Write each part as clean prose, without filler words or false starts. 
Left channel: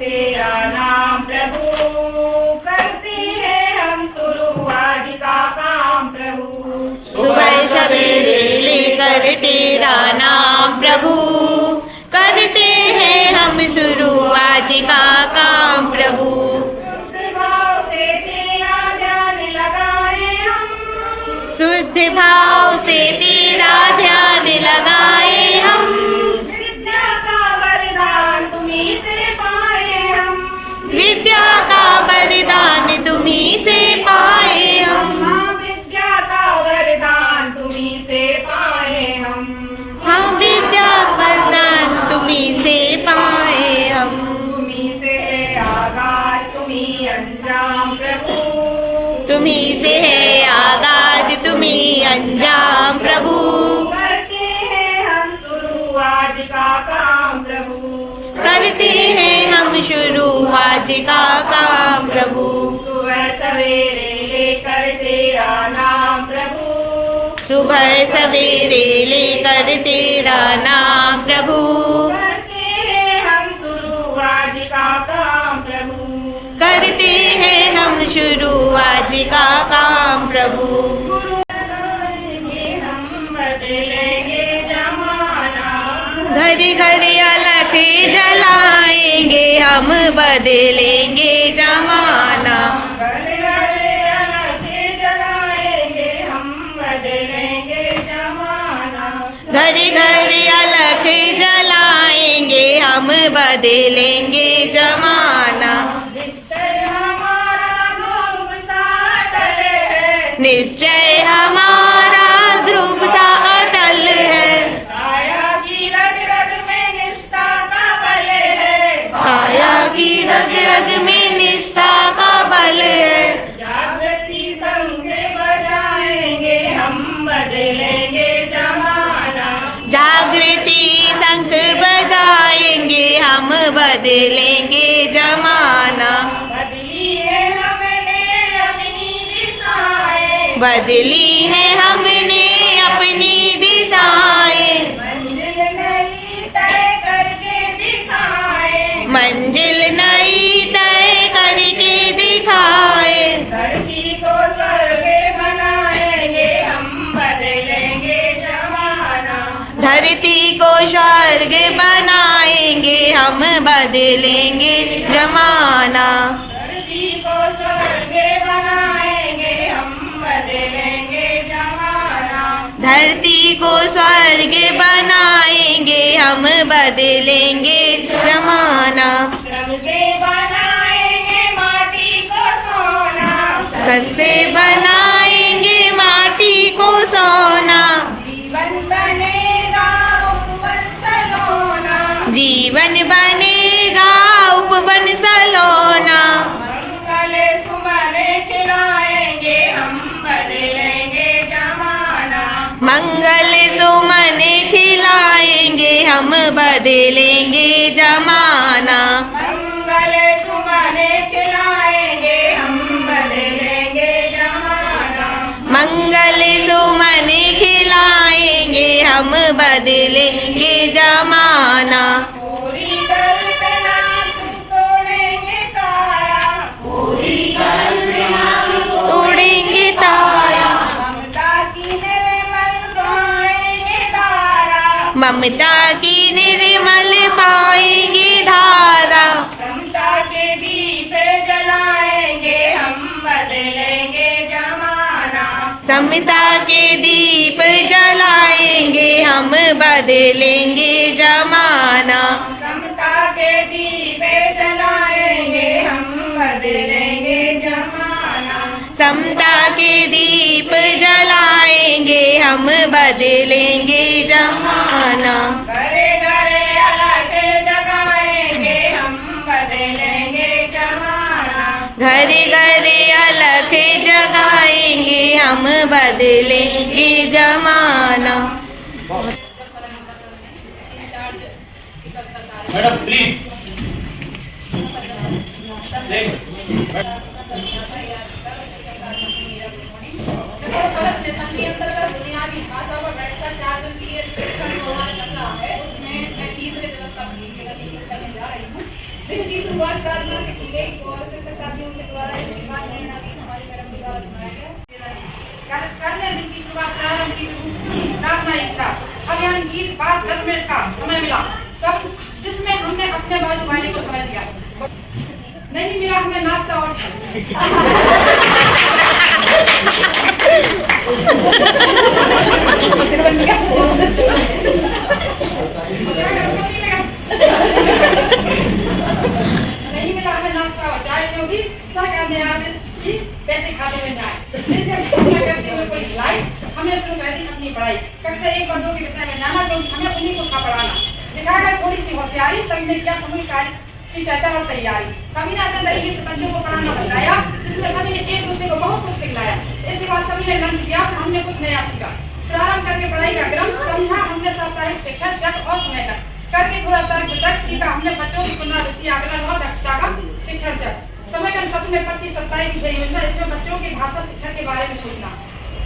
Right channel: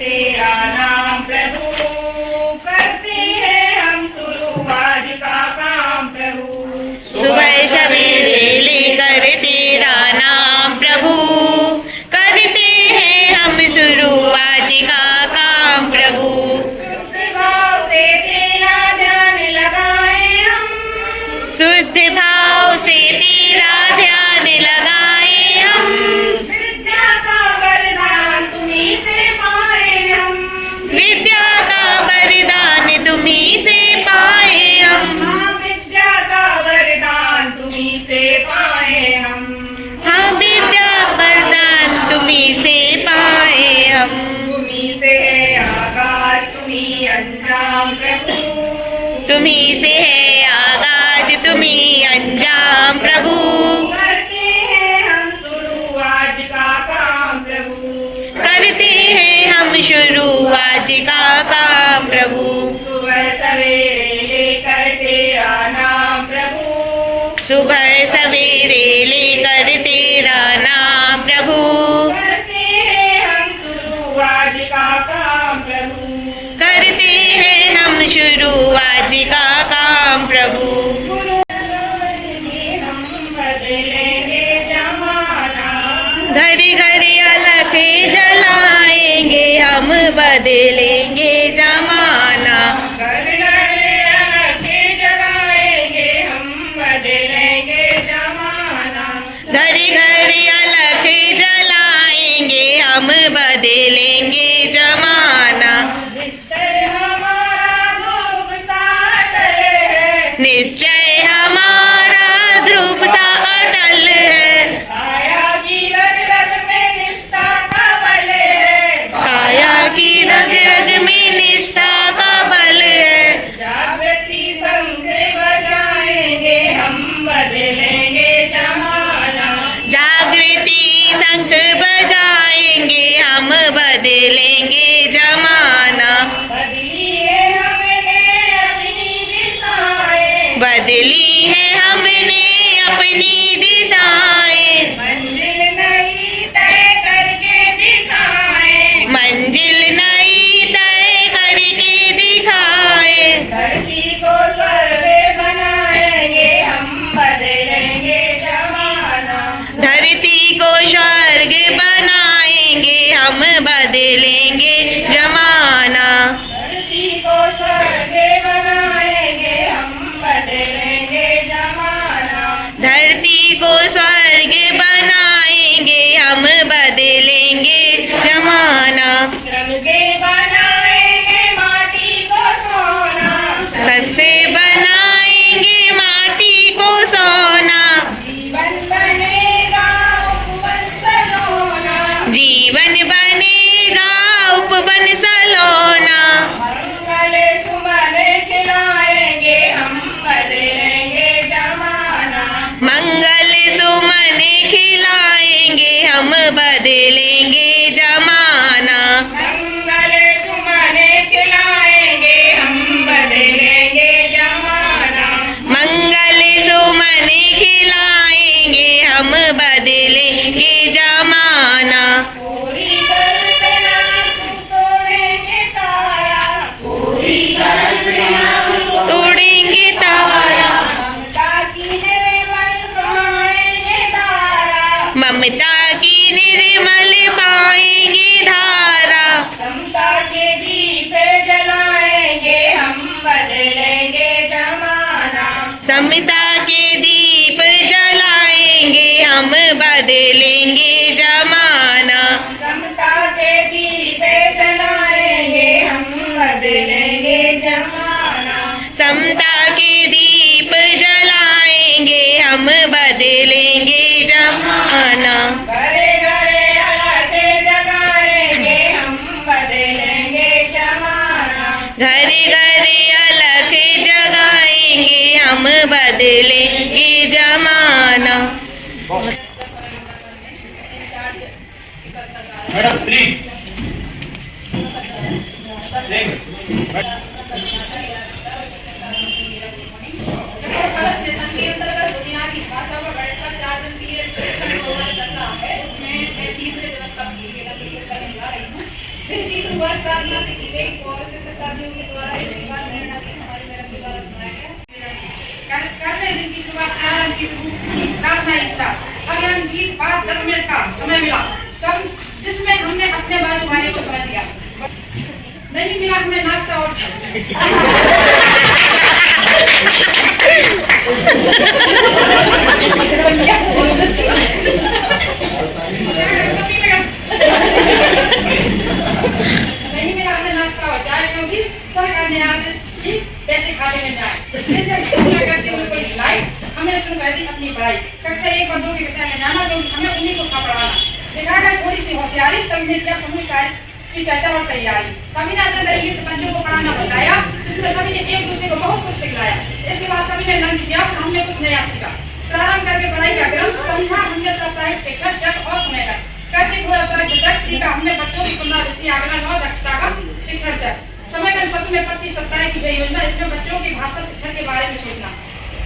तेरा नाम प्रभु, करते हैं हम शुरू आज का काम प्रभु। सुबह सवेरे लेकर तेरा नाम प्रभु, करते हैं हम शुरू आज का काम प्रभु। शुद्ध भाव से तेरा ध्यान लगाए हम, शुद्ध भाव से तेरा ध्यान लगाए हम। विद्या का वरदान तुम्हीं से पाए हम, विद्या का वरदान तुम्हीं से पाए हम। हाँ विद्या का वरदान तुम्हीं से पाए हम। हाँ विद्या वरदान तुम्हीं से पाए हम। तुम्हीं से है आगाज तुम्हीं अंजाम प्रभु, तुम्हीं से है आगाज तुम्हीं अंजाम प्रभु। करते हैं हम शुरू आज का काम प्रभु। करते हैं हम शुरू आज का काम प्रभु। सुबह सवेरे लेकर तेरा नाम प्रभु, सुबह सवेरे लेकर तेरा नाम प्रभु। करते हैं हम शुरू आज का काम प्रभु। करते हैं हम शुरू आज का काम प्रभु। गुरु में हम बदलेंगे जमाना, घर घर अलख जलाएंगे हम बदलेंगे जमाना। घर घर अलख जलाएंगे हम बदलेंगे जमाना। घर घर अलख जलाएंगे हम बदलेंगे जमाना। निश्चय हमारा ध्रुव सा अटल है, निश्चय हमारा ध्रुव सा अटल है। काया की रग रग में निष्ठा का बल है, काया की रग रग में निष्ठा का बल है। जागृति शंख बजाएंगे हम बदलेंगे जमाना। जागृति शंख बजाएंगे हम बदलेंगे जमाना। बदली है हमने अपनी दिशाएं, बदली है हमने अपनी दिशाएं। मंजिल नई तय करके दिखाए, मंजिल नई तय करके दिखाए। धरती को स्वर्ग बनाएंगे हम बदलेंगे जमाना। धरती को स्वर्ग बनाएंगे हम बदलेंगे जमाना। धरती को स्वर्ग बनाएंगे हम बदलेंगे जमाना। धरती को स्वर्ग बनाएंगे हम बदलेंगे जमाना। श्रम से बनाएंगे माटी को सोना, सबसे बनाएंगे माटी को सोना। जीवन बनेगा उपवन सलोना, जीवन बनेगा उपवन सलोना। मंगल सुमन खिलाएंगे हम बदलेंगे जमाना। मंगल सुमन खिलाएंगे हम बदलेंगे जमाना। मंगल सुमन खिलाएंगे हम बदलेंगे जमाना। मंगल सुमन खिलाएंगे हम बदलेंगे जमाना। पूरी कल्पना तोड़ेंगे काया, पूरी कल्पना तोड़ेंगे तारा। ममता की निर्मल पाएंगे धारा, ममता की निर्मल पाएंगे धारा। समता के दीप जलाएंगे हम बदलेंगे जमाना। समता के दीप जलाएंगे हम बदलेंगे जमाना। समता के दीप जलाएंगे हम बदलेंगे जमाना। समता के दीप जलाएंगे हम बदलेंगे जमाना। घरे घरे अलग जगाएंगे हम बदलेंगे जमाना। घर घर अलख जगाएंगे हम बदलेंगे जमाना। मैडम प्लीज के अंतर्गत बुनियादी भाषा पर बैठकर 4 दिवसीय शिक्षण प्रोग्राम चल रहा है। उसमें मैं चीज दिवस का करने जा रही हूँ। दिन की शुरुआत प्रार्थना से की गई और शिक्षक साथियों के द्वारा इस बात हमारी मैडम के द्वारा सुनाया गया। करने दिन की शुरुआत प्रारंभ की प्रार्थना एक साथ। अभियान की बाद 10 मिनट का समय मिला सब, जिसमें हमने अपने बाजू वाले को समय दिया। नहीं मिला हमें नाश्ता और नहीं मिला हमें नाश्ता और चाय, क्योंकि सरकार ने आदेश की पैसे खाते में जाए। करते हुए कोई सिलाई हमने शुरू कर दी अपनी पढ़ाई। कक्षा 1 और 2 के विषय में जाना, क्योंकि हमें उन्हीं को था पढ़ाना। दिखाकर थोड़ी सी होशियारी सब ने किया समूह कार्य की चर्चा और तैयारी। सभी ने अपने तरीके से बच्चों को पढ़ाना बताया, जिसमें सभी ने एक दूसरे को बहुत कुछ सिखलाया। इसके बाद सभी ने लंच किया, हमने कुछ नया सीखा। प्रारंभ करके पढ़ाई का क्रम समझा हमने, साप्ताहिक शिक्षण जट और समय का करके थोड़ा तर्क सीखा हमने। बच्चों की पुनरावृत्ति, आकलन और दक्षता का शिक्षण चक्र। समय का सत्र में 25-27 की गई योजना, इसमें बच्चों की भाषा शिक्षण के बारे में सोचना।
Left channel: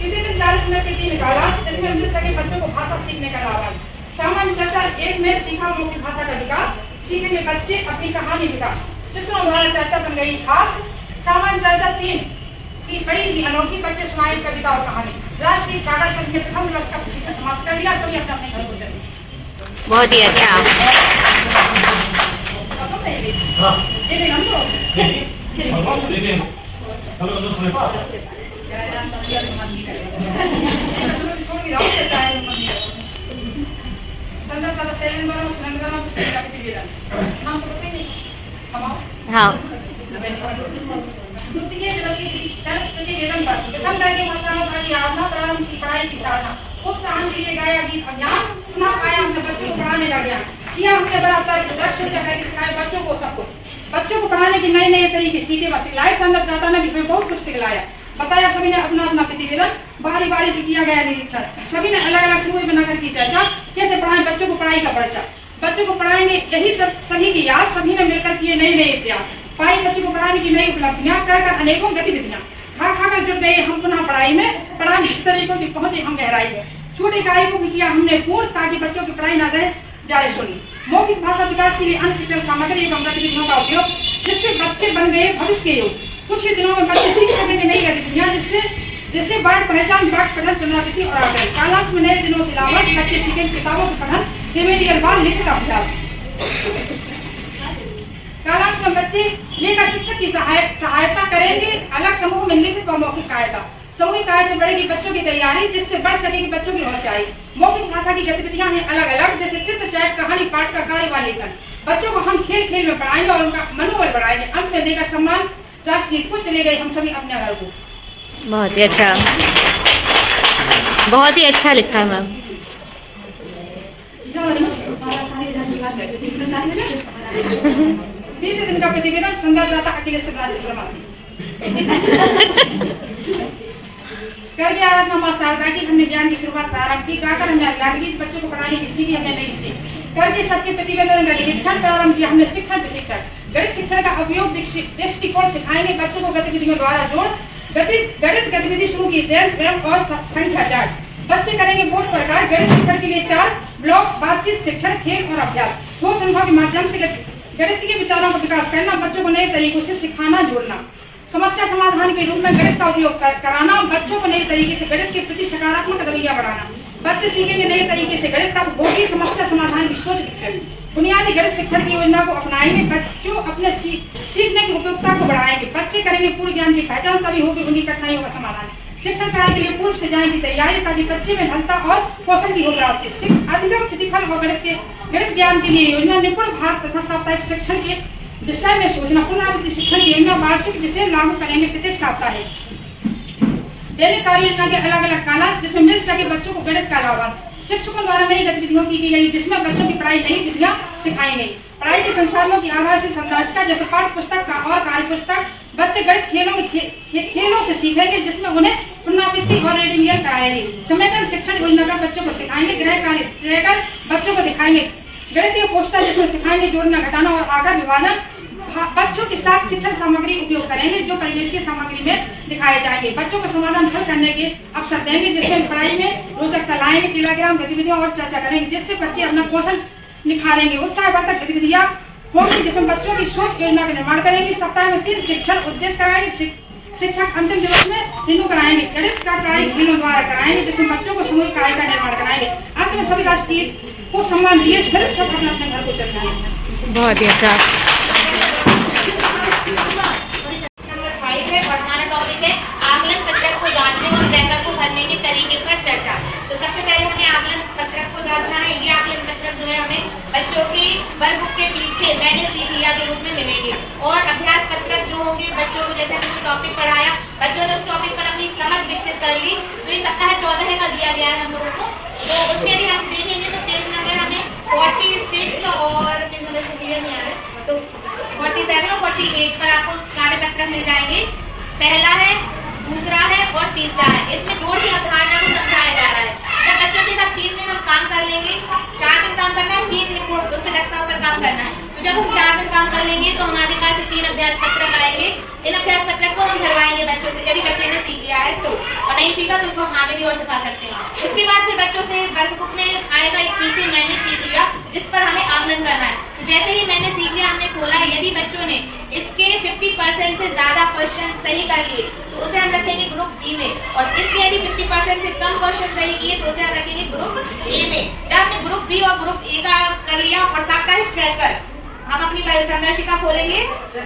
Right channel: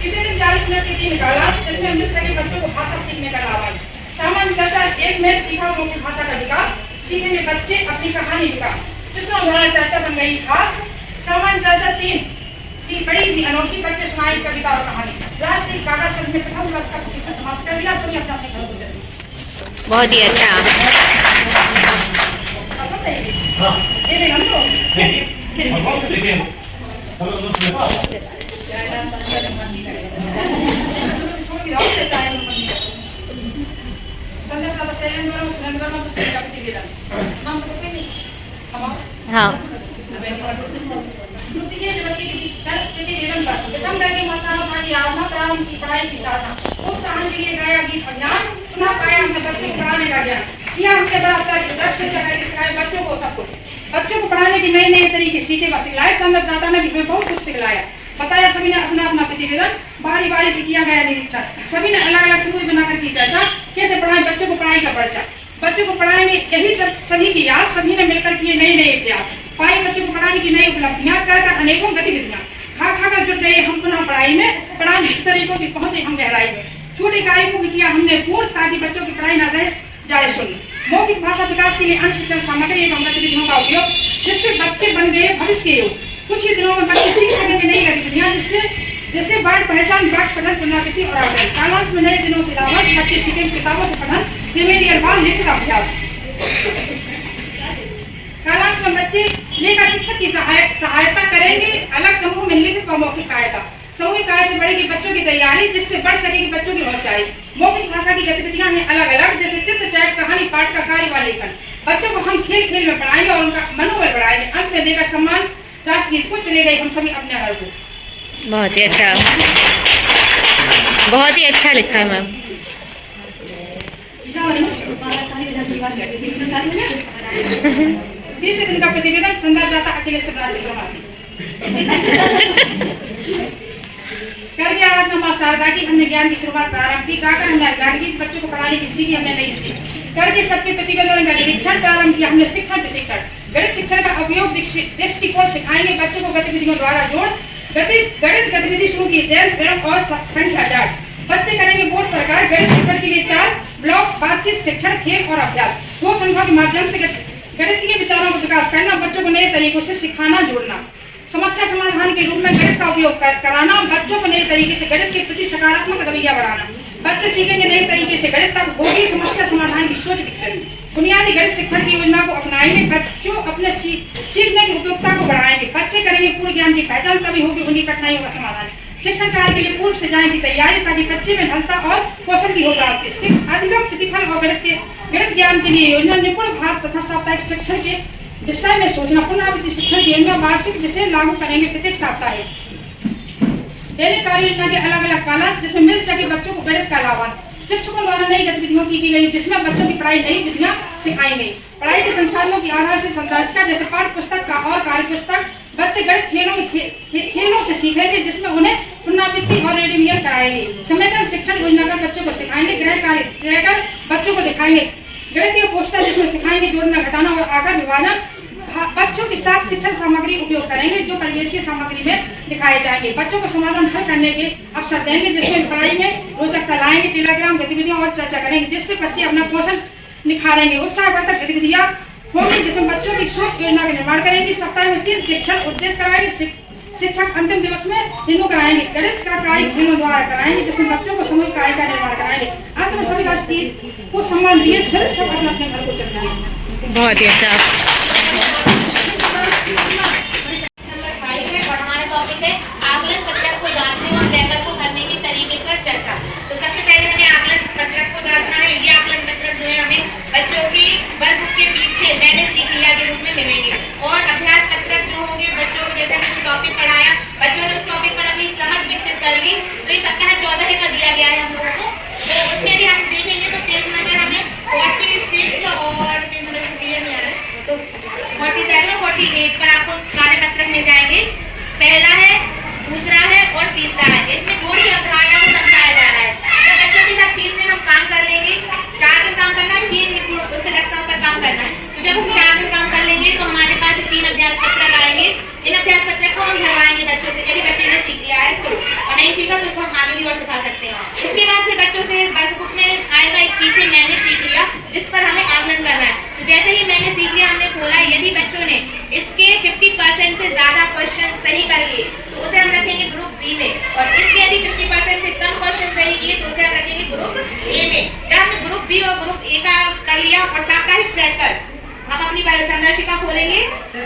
कितने दिन 40 मिनट की निकाला, इसमें मिल सके बच्चों को भाषा सीखने का लाभ। सामान्य चर्चा 1 में सीखा मौखिक भाषा का विकास, सीखेंगे बच्चे अपनी कहानी विकास। चित्रों द्वारा चर्चा बन गई खास। सामान्य चर्चा 3 की बड़ी ही अनोखी, बच्चे सुनाई कविता और कहानी। राष्ट्रीय कागज संघ ने प्रथम दिवस का प्रशिक्षण समाप्त कर दिया। सभी अपने अपने घर को चले। बहुत ही अच्छा। ये भी हम तो हाँ। प्रारंभ की पढ़ाई की साधना, उत्साहन के लिए गाया गीत अभियान, सुना पाया हमने बच्चों को पढ़ाने का ज्ञान, किया हमने बड़ा सिखाए बच्चों को सब कुछ। बच्चों को पढ़ाने के नए नए तरीके सीखे व सिखलाए। संदर्भदाता ने भी हमें बहुत कुछ सिखलाया, बताया। सभी ने अपना अपना प्रतिवेदन बारी बारी से किया गया निरीक्षण। सभी ने अलग अलग समूह बनाकर की चर्चा, कैसे पढ़ाएं बच्चों को पढ़ाई का पर्चा। बच्चों को पढ़ाएंगे यही सब सभी की याद। सभी ने मिलकर किए नए नए प्रयास, पाई बच्चों को पढ़ाने की नई उपलब्धियां, कर अनेकों गतिविधियां। खा खा कर जुट गए हम पुनः पढ़ाई में, पढ़ाने के तरीकों की पहुंचे हम गहराई में। छोटे कार्य को भी किया हमने पूर्ण, ताकि बच्चों की पढ़ाई न रह जाए शून्य। मौखिक भाषा विकास के लिए अन्य शिक्षण सामग्री एवं गतिविधियों का उपयोग, जिससे बच्चे बन गए भविष्य के योग। कुछ ही दिनों में बच्चे सीख सकेंगे नई गतिविधियां, जैसे वर्ड पहचान, वाक्य पठन, पुनरावृत्ति और आकलन। कालांश में नए दिनों से लाभ, बच्चे सीखेंगे किताबों से पठन, रिमेडियल बाल लिखित अभ्यास। कालांश में बच्चे लेकर शिक्षक की सहायता करेंगे, अलग समूह में लिखित व मौखिक सहायता। समूहिक कार्य से बढ़ेगी बच्चों की तैयारी, जिससे बढ़ सकेगी बच्चों की होशियारी। मौखिक भाषा की गतिविधियां हैं अलग अलग, जैसे चित्र, चैट, कहानी पाठ का कार्य व लेखन। बच्चों को हम खेल खेल में पढ़ाएंगे और उनका मनोबल बढ़ाएंगे। अंत में देगा सम्मान राष्ट्रगीत को, चले गए हम सभी अपने घर को। बहुत ही अच्छा, बहुत ही अच्छा लिखा है मैम। तीसरे दिन का प्रतिवेदन संदर्भदाता अखिलेश राजश्री करके आराधना मां शारदा की। हमने ज्ञान की शुरुआत प्रारंभ की, गाकर हमने ज्ञान की, बच्चों को पढ़ाने की सीखी हमने नई सीख। करके सबके प्रतिवेदन का निरीक्षण प्रारंभ किया हमने, शिक्षण प्रशिक्षण। गणित शिक्षण का उपयोग दृष्टिकोण सिखाएंगे बच्चों को, गतिविधियों द्वारा जोड़। गणित गतिविधि शुरू की, दैनिक और संख्या चार्ट। बच्चे करेंगे बोर्ड पर कार्य। गणित शिक्षण के लिए 4 ब्लॉक्स, बातचीत, शिक्षण, खेल और अभ्यास। 2 संख्या के माध्यम से गणितीय विचारों का विकास करना, बच्चों को नए तरीकों से सिखाना, जोड़ना। समस्या समाधान के रूप में गणित का उपयोग कराना, बच्चों को नए तरीके से गणित के प्रति सकारात्मक रवैया बढ़ाना। बच्चे सीखेंगे नए तरीके से गणित, तब होगी समस्या समाधान की सोच विकसित। बुनियादी गणित शिक्षण की योजना को अपनाएंगे, बच्चों अपने सीखने की उपयोगिता को बढ़ाएंगे। बच्चे करेंगे पूर्ण ज्ञान की पहचान, तभी होगी उन्हीं कठिनाइयों का समाधान। शिक्षण कार्य के लिए पूर्व से जाएगी तैयारी, ताकि बच्चे में ढलता और कौशल की हो प्राप्ति। अधिगम, प्रतिफल और गणित ज्ञान के लिए योजना, निपुण भारत तथा साप्ताहिक शिक्षण के विषय में सोचना। पुनरावृत्ति शिक्षण की योजना वार्षिक, जिसे लागू करेंगे प्रत्येक साप्ताहिक। दैनिक कार्य योजना के अलग अलग कालांश, जिसमें मिल सके बच्चों को गणित का लाभ। शिक्षकों द्वारा नई गतिविधियों की गई, जिसमें बच्चों की पढ़ाई नई विधियां सिखाई गई। पढ़ाई के संसाधनों की आधार से संदर्शिका, जैसे पाठ्य पुस्तक का और कार्य पुस्तक। बच्चे गणित खेलों से सीखेंगे, जिसमें उन्हें पुनरावृत्ति और रिमेडियल कराएंगे। समयगत शिक्षण योजना का बच्चों को सिखाएंगे। गृह कार्य ट्रैकर बच्चों को दिखाएंगे। गणितीय पोस्टर, जिसमें सिखाएंगे जोड़ना, घटाना और आकार विभाजन। बच्चों के साथ शिक्षण सामग्री उपयोग करेंगे, जो परिवेशीय सामग्री में दिखाए जाएंगे। बच्चों को समाधान हल करने के अवसर देंगे, जिसमें पढ़ाई में रोचकता लाएंगे। टेलीग्राम गतिविधियों और चर्चा करेंगे, जिससे बच्चे अपना कौशल निखारेंगे। उत्साहवर्धक गतिविधियां होंगी, जिसमें बच्चों की सोच योजना का निर्माण करेंगे। सप्ताह में 3 शिक्षण उद्देश्य कराएंगे। शिक्षक अंतिम दिवस में रिन्यू कराएंगे। गणित का कार्य रिन्यू द्वारा कराएंगे, जिसमें बच्चों को सामूहिक कार्य का निर्माण कराएंगे। अंत में सभी राष्ट्रीय को सम्मान दिए फिर सब अपने अपने घर को चल जाएंगे। बहुत ही अच्छा। नंबर 5 है और हमारा टॉपिक है आकलन पत्रक को जांचने और ट्रैकर को भरने के तरीके पर चर्चा। तो सबसे पहले हमें आकलन पत्रक को जांचना है। ये आकलन पत्रक जो है हमें बच्चों की वर्कबुक के पीछे मैंने सीख लिया के रूप में मिलेंगे। और अभ्यास पत्रक जो होंगे बच्चों को, जैसे हमने टॉपिक पढ़ाया, बच्चों ने उस टॉपिक पर अपनी समझ विकसित कर ली। तो ये सप्ताह 14 का दिया गया है हम लोगों को। तो उसमें यदि हम देखेंगे तो पेज नंबर हमें 46 और पेज नंबर क्लियर नहीं आ रहा है, तो 47 और 48 पर आपको कार्य पत्रक मिल जाएंगे। पहला है, दूसरा है और तीसरा है। इसमें जोड़ी अवधारणा को समझाया जा रहा है। जब बच्चों के साथ 3 दिन हम काम कर लेंगे, 4 दिन काम करना है, 3 दिन उसके दक्षताओं पर काम करना है। तो जब हम 4 दिन काम कर लेंगे तो हमारे पास 3 अभ्यास पत्रक आएंगे। इन अभ्यास पत्रक को हम भरवाएंगे बच्चों से, यदि बच्चे ने सीख लिया है तो, और नहीं सीखा तो उसको हम आगे भी और सिखा सकते हैं। उसके बाद फिर बच्चों से वर्कबुक में आएगा एक पीछे मैंने सीख लिया, जिस पर हमें आकलन करना है। तो जैसे ही मैंने सीख लिया हमने खोला, यदि बच्चों ने इसके 50% से ज्यादा क्वेश्चन सही कर लिए तो उसे हम रखेंगे ग्रुप बी में, और इसके यदि 50% से कम क्वेश्चन सही किए तो उसे हम रखेंगे ग्रुप ए में। जब हमने ग्रुप बी और ग्रुप ए का कर लिया और साप्ताहिक ट्रैकर, हम अपनी संदर्शिका खोलेंगे।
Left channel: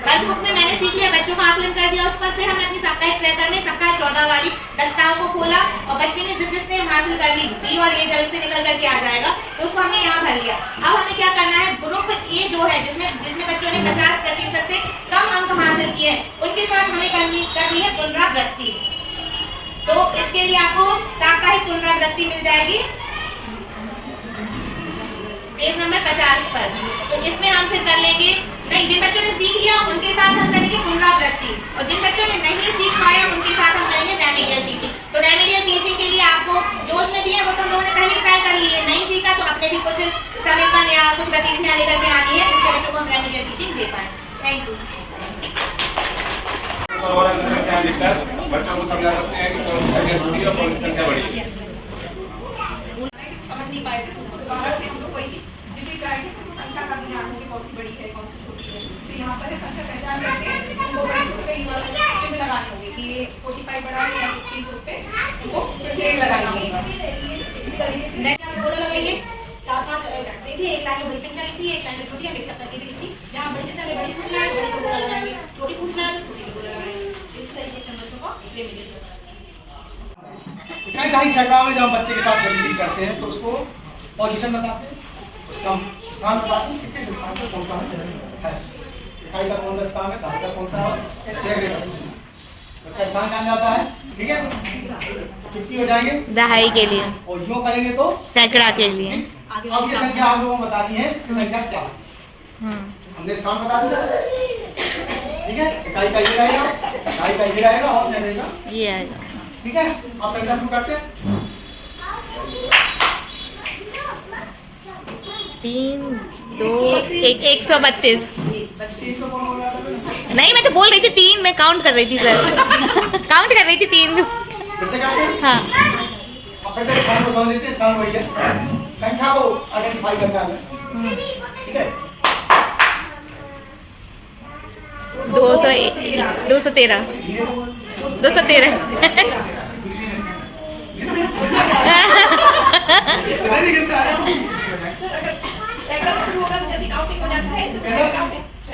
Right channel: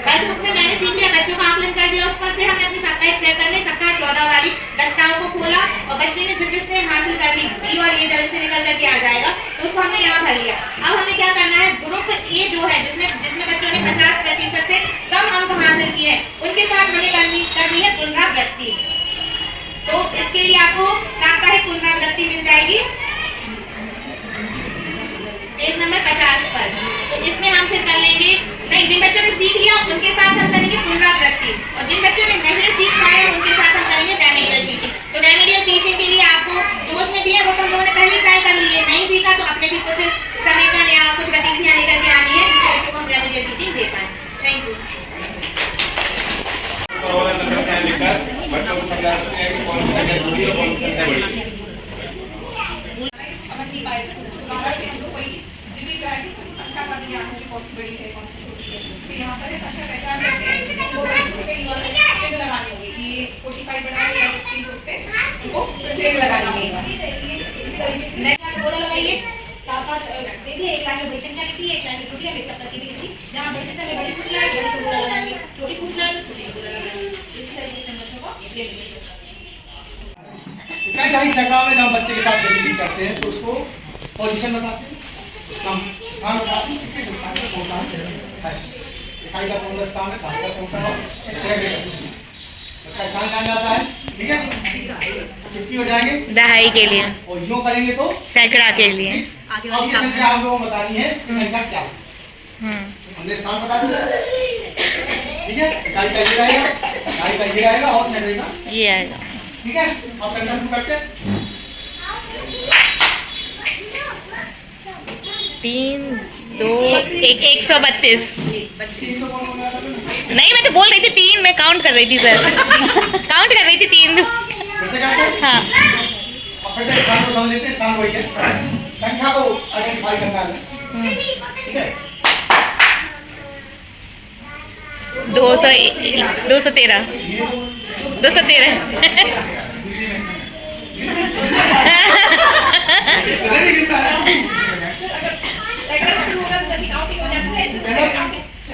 वर्कबुक में मैंने सीख लिया, बच्चों का आकलन कर दिया, उस पर फिर हमने अपनी साप्ताहिक ट्रैकर में सप्ताह 14 वाली दक्षताओं को खोला और बच्चे ने जिसने हासिल कर ली बी और ए, जब इससे निकल करके आ जाएगा तो उसको हमने यहाँ भर लिया। अब हमें क्या करना है, ग्रुप ए जो है जिसमें बच्चों ने 50% से कम अंक हासिल किए हैं, उनके साथ हमें करनी है पुनरावृत्ति। तो इसके लिए आपको साप्ताहिक पुनरावृत्ति मिल जाएगी पेज नंबर 50 पर। तो इसमें हम फिर कर लेंगे, नहीं, जिन बच्चों ने सीख लिया उनके साथ हम करेंगे पुनरावृत्ति, और जिन बच्चों ने नहीं सीख पाए उनके साथ हम करेंगे रेमेडियल टीचिंग। तो रेमेडियल टीचिंग के लिए आपको जो उसमें दिया वो हम लोगों ने पहले ट्राई कर ली है, नहीं सीखा तो अपने भी कुछ समेकन या कुछ गतिविधियां लेकर के आनी है, जिससे बच्चों को हम रेमेडियल टीचिंग दे पाए। Thank you. बच्चों को समझा सकते हैं कि कौन सी संख्या छोटी और कौन सी संख्या बड़ी है। समझ नहीं पाए थे, तो दोबारा से हम लोग वही रिपीट करेंगे कि संख्या का ज्ञान है, कौन सी बड़ी है कौन सी छोटी है। फिर यहाँ पर संख्या पहचान करके उनको कई बार सेग लगानी होगी कि ये 45 बड़ा है या 50 उस पे उनको सेग लगानी होगी। इस तरीके से बोला लगाइए 4-5 देखिए, एक लाइन में बड़ी संख्या लिखी है, एक लाइन में छोटी है, मिक्सअप करके भी लिखी। जहाँ बड़ी समय बड़ी पूछना है बड़ी को बोला लगाएंगे, छोटी पूछना है तो छोटी को बोला लगाएंगे। इस तरीके से बच्चों को इकाई दहाई सैकड़ा में जब बच्चे के साथ गतिविधि करते हैं तो उसको पोजीशन बताते हैं, उसका स्थान बताते हैं, किस स्थान पर कौन सा है, इकाई का कौन सा स्थान है, धार का कौन सा है, सैकड़े का स्थान कहाँ जाता है। ठीक है, छुट्टी हो जाएंगे दहाई के लिए और यूँ करेंगे तो सैकड़ा के लिए। अब ये संख्या हम लोगों को बतानी है, संख्या क्या है, हमने स्थान बता दिया। ठीक है, इकाई का ये रहेगा, इकाई का ये रहेगा और सैकड़े का ये आएगा। ठीक है, आप संख्या शुरू करते हैं। 3 2 1 132। नहीं, मैं तो बोल रही थी 3, मैं काउंट कर रही थी सर। काउंट कर रही थी 3। कैसे करते हैं? हाँ, अब फिर से स्थान को समझ लेते हैं, स्थान वही है, संख्या को आइडेंटिफाई करना है। ठीक है, 213 213।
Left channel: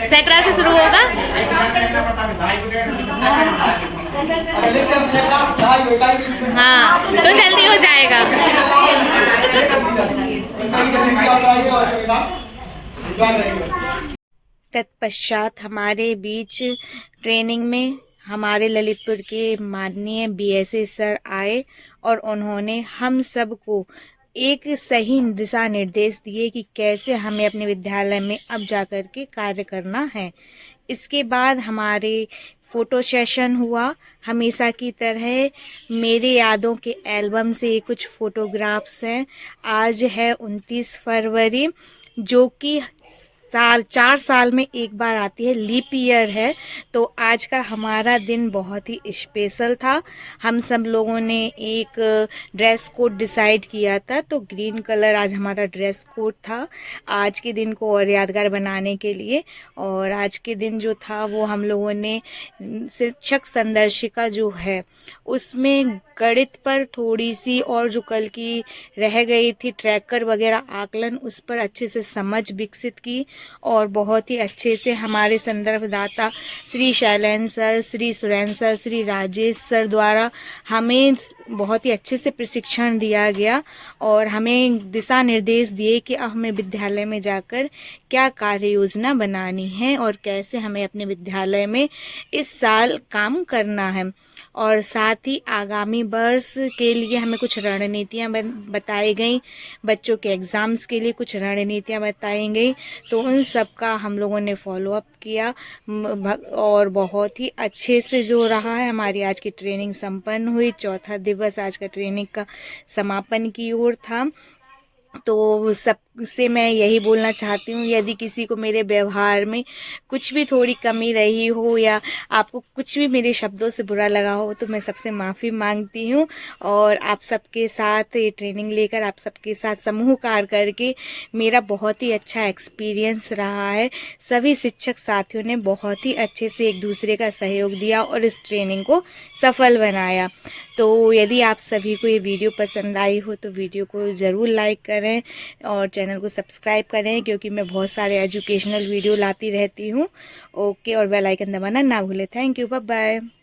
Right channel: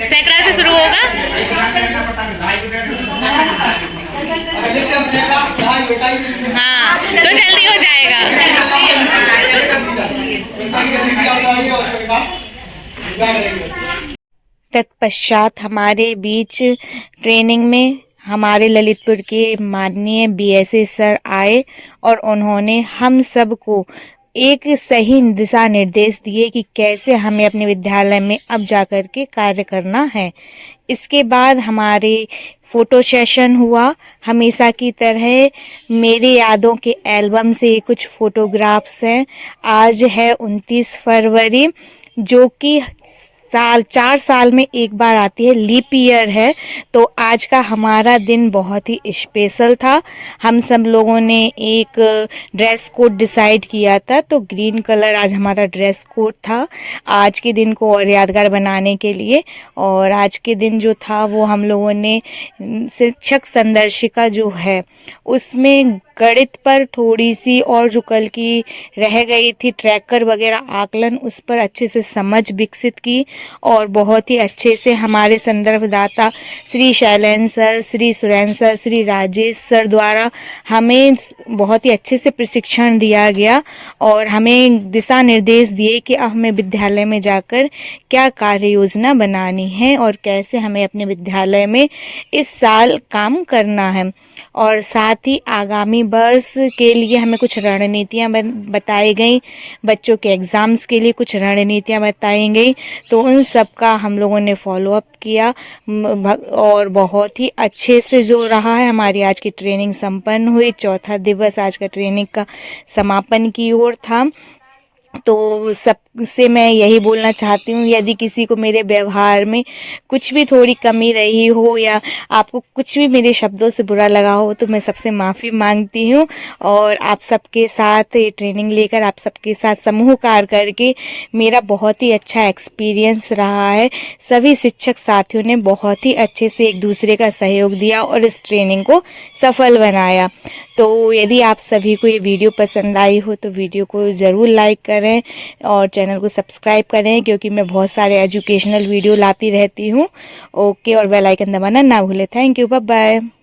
सैकड़ा से शुरू होगा। हाँ, तो जल्दी हो जाएगा। तत्पश्चात हमारे बीच ट्रेनिंग में हमारे ललितपुर के माननीय बीएसए सर आए और उन्होंने हम सबको एक सही दिशा निर्देश दिए कि कैसे हमें अपने विद्यालय में अब जाकर के कार्य करना है। इसके बाद हमारे फ़ोटो सेशन हुआ। हमेशा की तरह मेरे यादों के एल्बम से कुछ फ़ोटोग्राफ्स हैं। आज है 29 फरवरी, जो कि 4 साल में एक बार आती है, लीप ईयर है। तो आज का हमारा दिन बहुत ही स्पेशल था। हम सब लोगों ने एक ड्रेस कोड डिसाइड किया था, तो ग्रीन कलर आज हमारा ड्रेस कोड था आज के दिन को और यादगार बनाने के लिए। और आज के दिन जो था वो हम लोगों ने शिक्षक संदर्शिका जो है उसमें गणित पर थोड़ी सी, और जो कल की रह गई थी ट्रैकर वगैरह आकलन, उस पर अच्छे से समझ विकसित की। और बहुत ही अच्छे से हमारे संदर्भदाता Shri Shailendra sir, Shri Surendra sir, Shri Rajesh sir द्वारा हमें बहुत ही अच्छे से प्रशिक्षण दिया गया और हमें दिशा निर्देश दिए कि अब हमें विद्यालय में जाकर क्या कार्य योजना बनानी है और कैसे हमें अपने विद्यालय में इस साल काम करना है। और साथ ही आगामी वर्ष के लिए हमें कुछ रणनीतियाँ बताई गई, बच्चों के एग्ज़ाम्स के लिए कुछ रणनीतियाँ बताई गई। तो उन सब का हम लोगों ने फॉलो अप किया और बहुत ही अच्छे से जो रहा है, हमारी आज की ट्रेनिंग संपन्न हुई। चौथा दिवस आज का ट्रेनिंग का समापन की ओर था। तो सबसे मैं यही बोलना चाहती हूँ, यदि किसी को मेरे व्यवहार में कुछ भी थोड़ी कमी रही हो या आपको कुछ भी मेरे शब्दों से बुरा लगा हो, तो मैं सबसे माफ़ी मांगती हूँ। और आप सबके साथ ये ट्रेनिंग लेकर, आप सबके साथ समूह कार्य करके मेरा बहुत ही अच्छा एक्सपीरियंस रहा है। सभी शिक्षक साथियों ने बहुत ही अच्छे से एक दूसरे का सहयोग दिया और इस ट्रेनिंग को सफल बनाया। तो यदि आप सभी को ये वीडियो पसंद आई हो तो वीडियो को ज़रूर लाइक करें और चैनल को सब्सक्राइब करें, क्योंकि मैं बहुत सारे एजुकेशनल वीडियो लाती रहती हूँ। ओके, और बेल आइकन दबाना ना भूलें। Thank you, bye bye.